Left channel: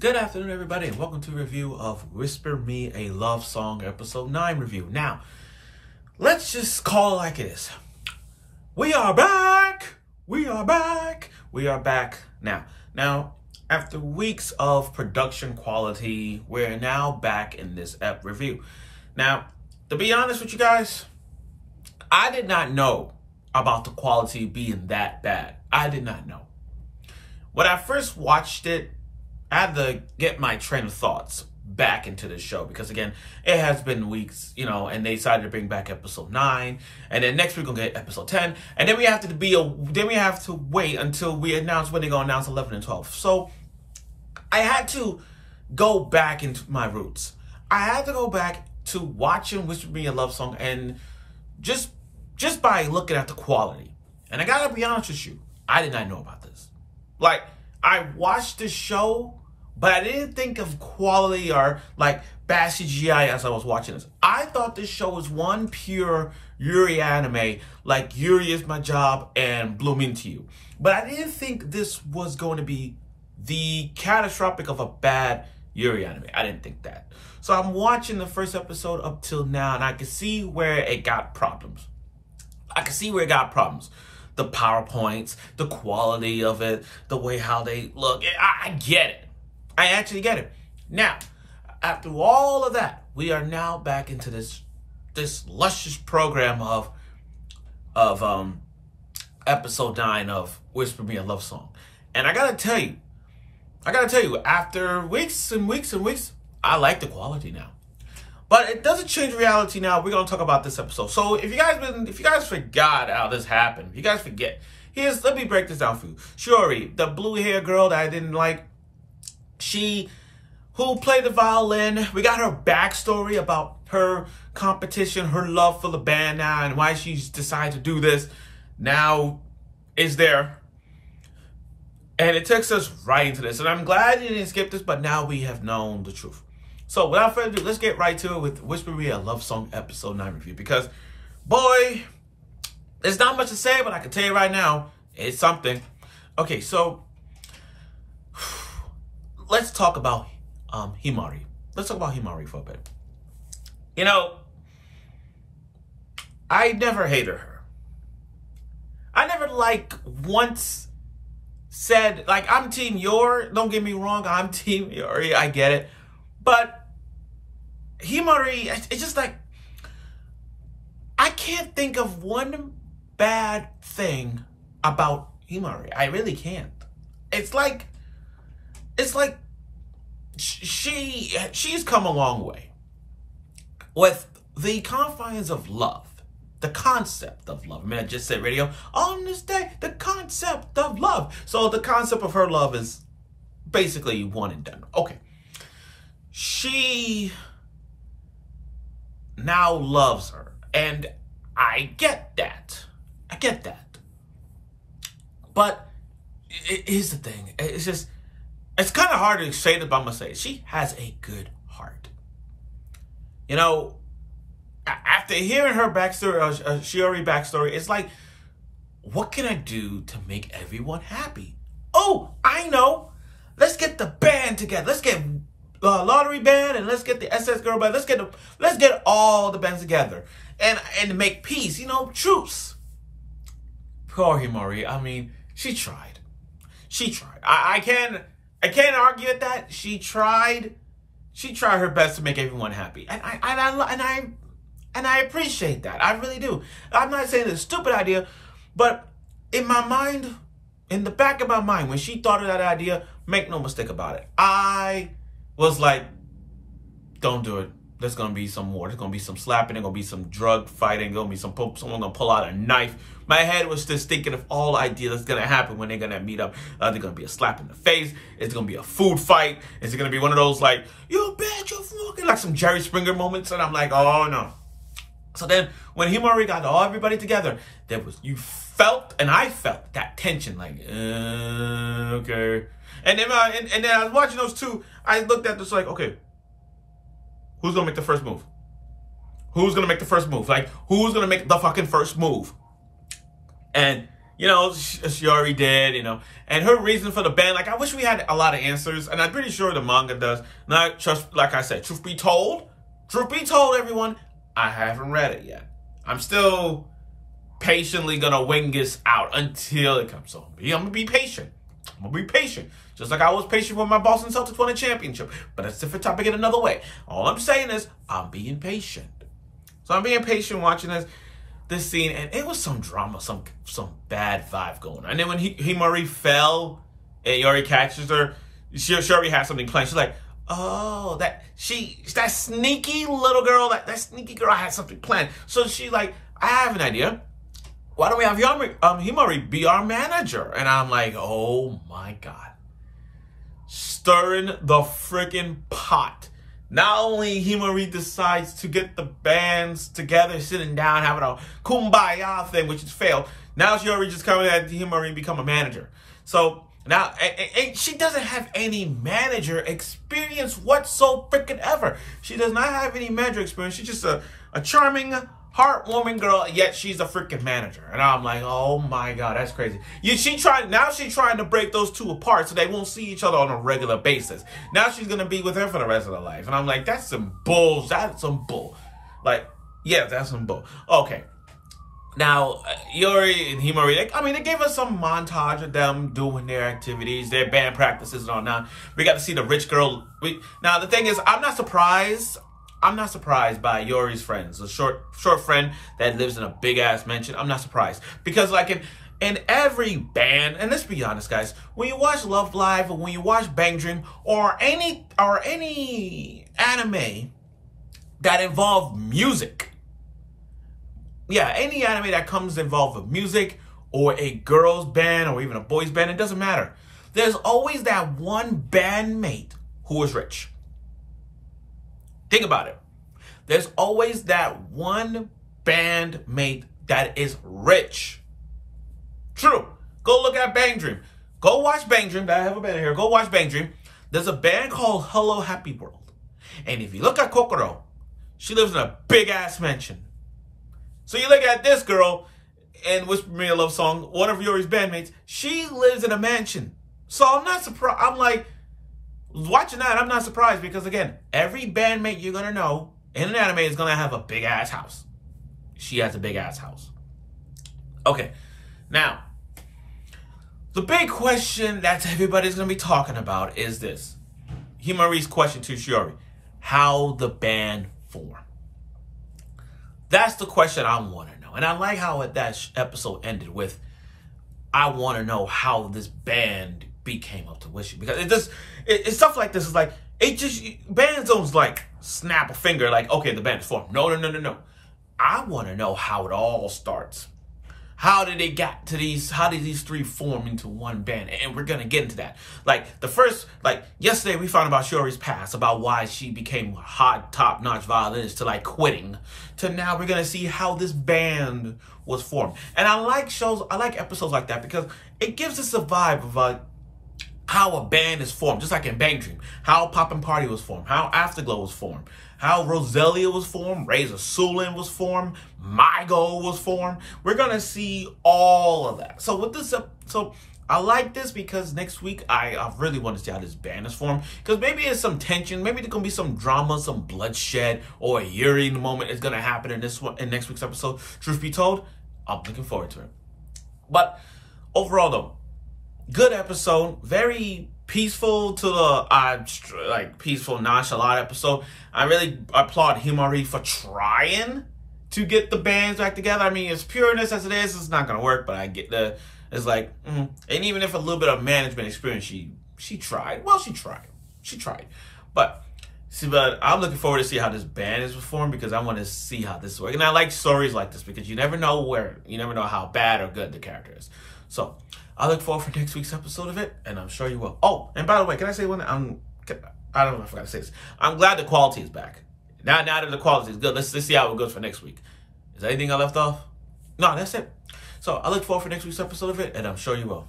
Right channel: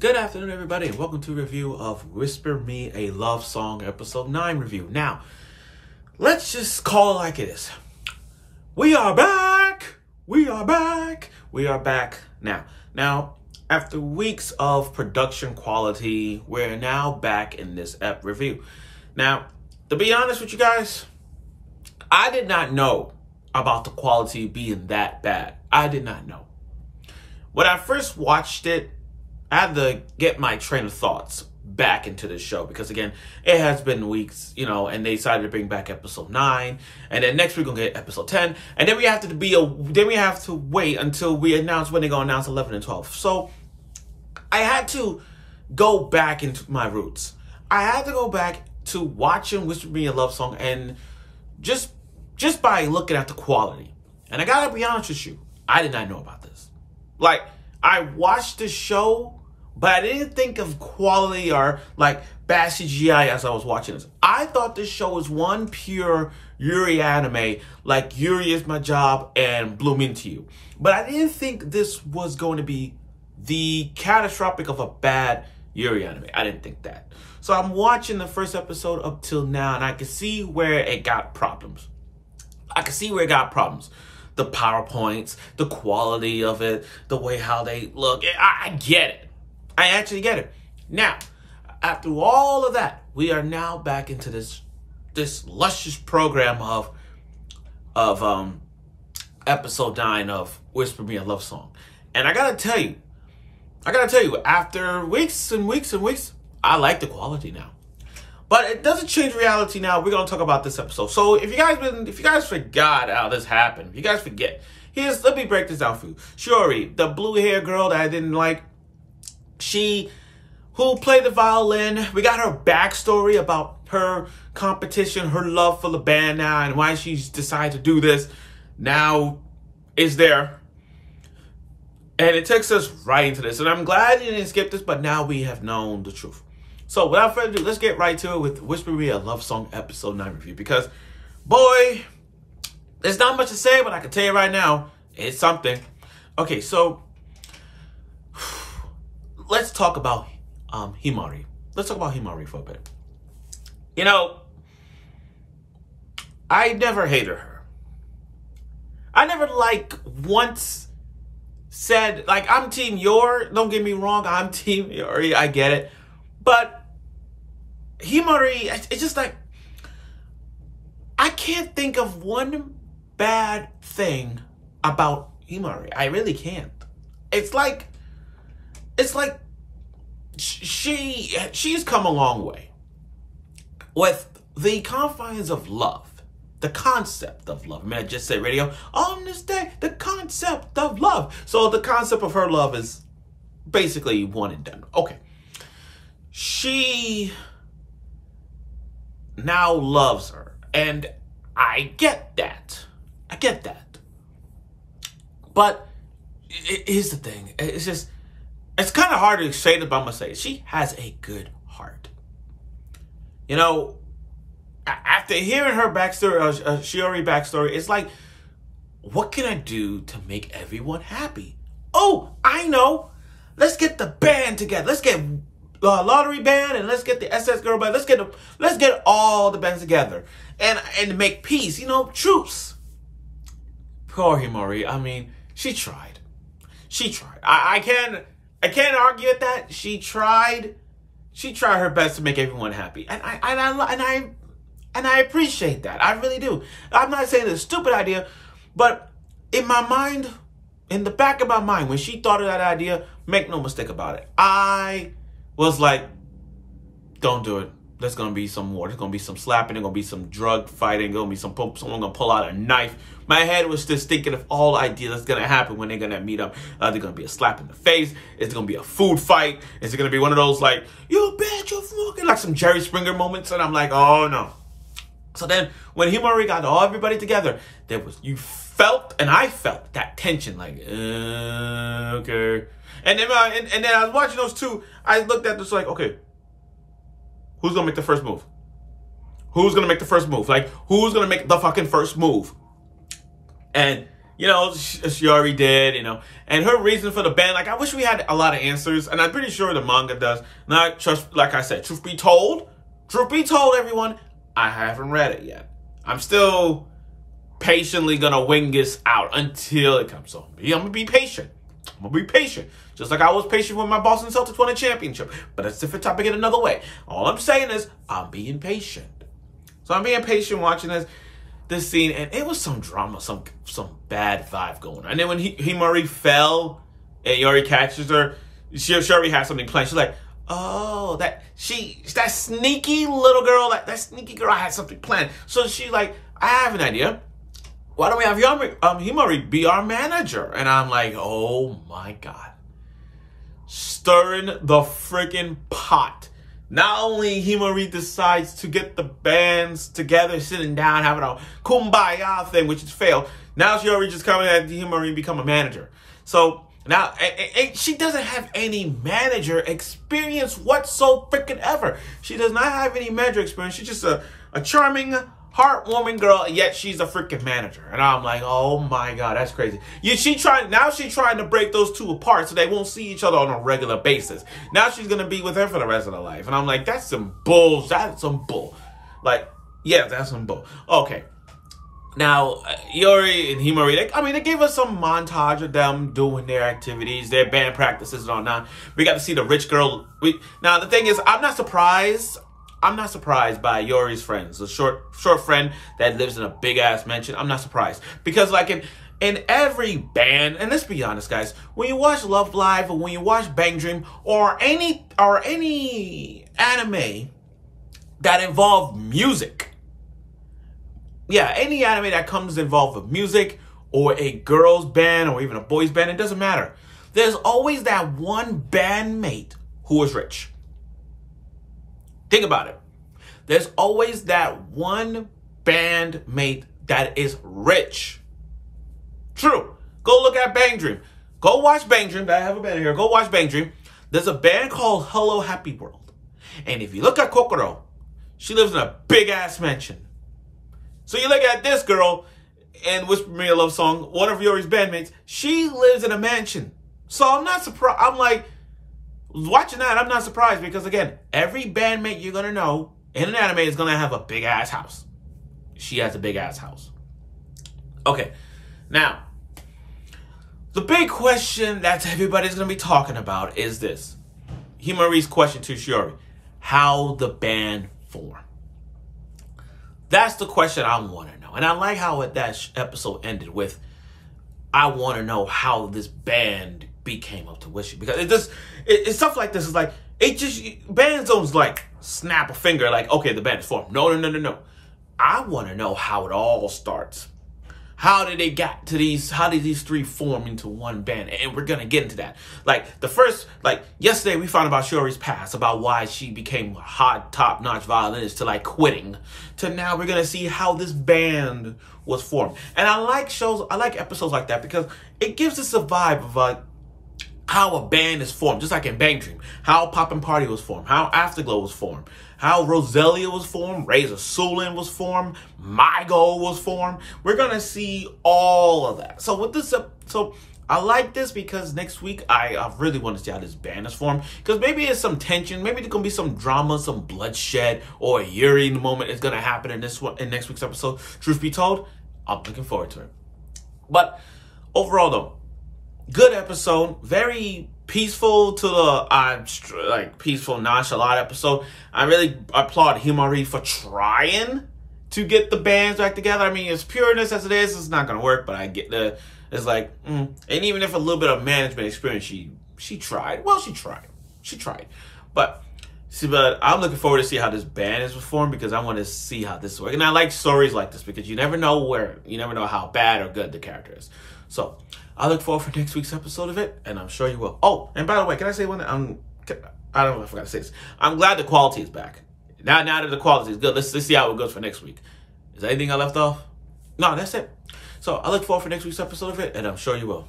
Good afternoon, everybody, and welcome to a review of Whisper Me a Love Song Episode 9 review. Now, let's just call it like it is. We are back! We are back! We are back now. Now, after weeks of production quality, we're now back in this ep review. Now, to be honest with you guys, I did not know about the quality being that bad. I did not know. When I first watched it, I had to get my train of thoughts back into the show because, again, it has been weeks, and they decided to bring back episode 9, and then next week we're gonna get episode 10, and then we have to wait until we announce when they're gonna announce 11 and 12. So I had to go back into my roots. I had to go back to watching Whisper Me a Love Song, and just by looking at the quality. And I gotta be honest with you, I did not know about this. Like, I watched the show, but I didn't think of quality or like bad CGI as I was watching this. I thought this show was one pure Yuri anime, like Yuri Is My Job and Bloom Into You. But I didn't think this was going to be the catastrophic of a bad Yuri anime. I didn't think that. So I'm watching the first episode up till now, and I can see where it got problems. The PowerPoints, the quality of it, the way how they look. I get it. I actually get it. Now, after all of that, we are now back into this luscious program of episode 9 of Whisper Me a Love Song. And I gotta tell you, after weeks and weeks and weeks, I like the quality now. But it doesn't change reality now. We're gonna talk about this episode. So if you guys forgot how this happened, if you guys forget, let me break this down for you. Shiori, the blue hair girl that I didn't like, who played the violin. We got her backstory about her competition, her love for the band now, and why she's decided to do this. Now is there. And it takes us right into this. And I'm glad you didn't skip this, but now we have known the truth. So without further ado, let's get right to it with Whisper Me a Love Song Episode 9 review. Because, boy, there's not much to say, but I can tell you right now, it's something. Okay, so let's talk about Himari. Let's talk about Himari for a bit. I never hated her. I never, once said, I'm Team Yor. Don't get me wrong, I'm Team Yori. I get it. But Himari, it's just I can't think of one bad thing about Himari. I really can't. It's like she's come a long way with the confines of love, the concept of love. I mean, I just said radio on this day, the concept of love. So the concept of her love is basically one and done. Okay. She now loves her, and I get that. But here's the thing. It's kind of hard to say this, but I'm going to say it. She has a good heart. After hearing her backstory, Shiori backstory, it's like, what can I do to make everyone happy? Oh, I know. Let's get the band together. Let's get lottery band, and let's get the SS girl band. Let's get all the bands together and make peace. Truce. Poor Himari. I mean, she tried. I can't argue with that. She tried her best to make everyone happy, and I appreciate that. I really do. I'm not saying it's a stupid idea, but in my mind, in the back of my mind, when she thought of that idea, make no mistake about it, I was like, don't do it. There's going to be some more. There's going to be some slapping. There's going to be some drug fighting. There's going to be someone going to pull out a knife. My head was just thinking of all ideas that's going to happen when they're going to meet up. There's going to be a slap in the face. It's going to be a food fight. It's going to be one of those you bitch, you're fucking, like some Jerry Springer moments. And I'm like, oh no. So then when Himari got everybody together, you felt, and I felt that tension, okay. And then I was watching those two. I looked at this okay, who's gonna make the first move? Who's gonna make the first move? Who's gonna make the fucking first move? And she already did, and her reason for the ban, like, I wish we had a lot of answers, and I'm pretty sure the manga does. Not just, like I said, truth be told, everyone, I haven't read it yet. I'm still patiently gonna wing this out until it comes. So I'm gonna be patient. Just like I was patient when my Boston Celtics won a championship. But that's a different topic in another way. All I'm saying is I'm being patient. So I'm being patient watching this scene, and it was some drama, some bad vibe going on. And then when Himari fell and Yori catches her, she already had something planned. She's like, oh, that sneaky little girl, that sneaky girl had something planned. So she's like, I have an idea. Why don't we have Himari be our manager? And I'm like, oh my God. Stirring the freaking pot. Not only Himari decides to get the bands together, sitting down, having a kumbaya thing, which has failed. Now she already just coming at Himari become a manager. So now she doesn't have any manager experience whatsoever. She does not have any manager experience. She's just a charming, heartwarming girl, yet she's a freaking manager. And I'm like, oh my God, that's crazy. She's trying to break those two apart so they won't see each other on a regular basis. Now she's gonna be with her for the rest of her life. And I'm like, that's some bull. That's some bull. Like, yeah, that's some bull. Okay. Now, Yori and Himari, they gave us some montage of them doing their activities, their band practices and all that. We got to see the rich girl. Now, the thing is, I'm not surprised by Yori's friends, the short friend that lives in a big ass mansion. I'm not surprised because, like, in every band, and let's be honest, guys, when you watch Love Live or when you watch Bang Dream or any anime that involve music, any anime that comes involved with music or a girl's band or even a boy's band, it doesn't matter. There's always that one bandmate who is rich. Think about it. There's always that one bandmate that is rich. True. Go look at Bang Dream. Go watch Bang Dream. I have a band here. Go watch Bang Dream. There's a band called Hello Happy World. And if you look at Kokoro, she lives in a big-ass mansion. So you look at this girl and Whisper Me a Love Song, one of Yori's bandmates, she lives in a mansion. So I'm not surprised. I'm like, watching that, I'm not surprised because, again, every bandmate you're going to know in an anime is going to have a big-ass house. She has a big-ass house. Okay, now, the big question that everybody's going to be talking about is this. Himari's question to Shiori. How the band formed. That's the question I want to know. And I like how that episode ended with, I want to know how this band became up to fruition. Because it's stuff like this is like, bands don't like snap a finger like, okay, the band is formed. No. I want to know how it all starts. How did they get to how did these three form into one band? And we're going to get into that. Like, yesterday we found about Shiori's past, about why she became a hot, top-notch violinist to, like, quitting. To now we're going to see how this band was formed. And I like episodes like that because it gives us a vibe of, how a band is formed. Just like in Bang Dream. How Poppin' Party was formed. How Afterglow was formed. How Roselia was formed, Razor Sulin was formed, My Goal was formed. We're going to see all of that. So with this, I like this because next week I really want to see how this band is formed. Because maybe there's some tension, maybe there's going to be some drama, some bloodshed, or a Yuri in the moment is going to happen in next week's episode. Truth be told, I'm looking forward to it. But overall though, good episode, very peaceful to the peaceful, nonchalant episode. I really applaud Himari for trying to get the bands back together. I mean, as pureness as it is, it's not gonna work. But I get it's like, and even if a little bit of management experience, she tried. Well, she tried. But I'm looking forward to see how this band is performed because I want to see how this works. And I like stories like this because you never know how bad or good the character is. So I look forward for next week's episode of it, and I'm sure you will. Oh, and by the way, can I say one thing? I don't know if I forgot to say this. I'm glad the quality is back. Now that the quality is good, let's see how it goes for next week. Is there anything I left off? No, that's it. So I look forward for next week's episode of it, and I'm sure you will.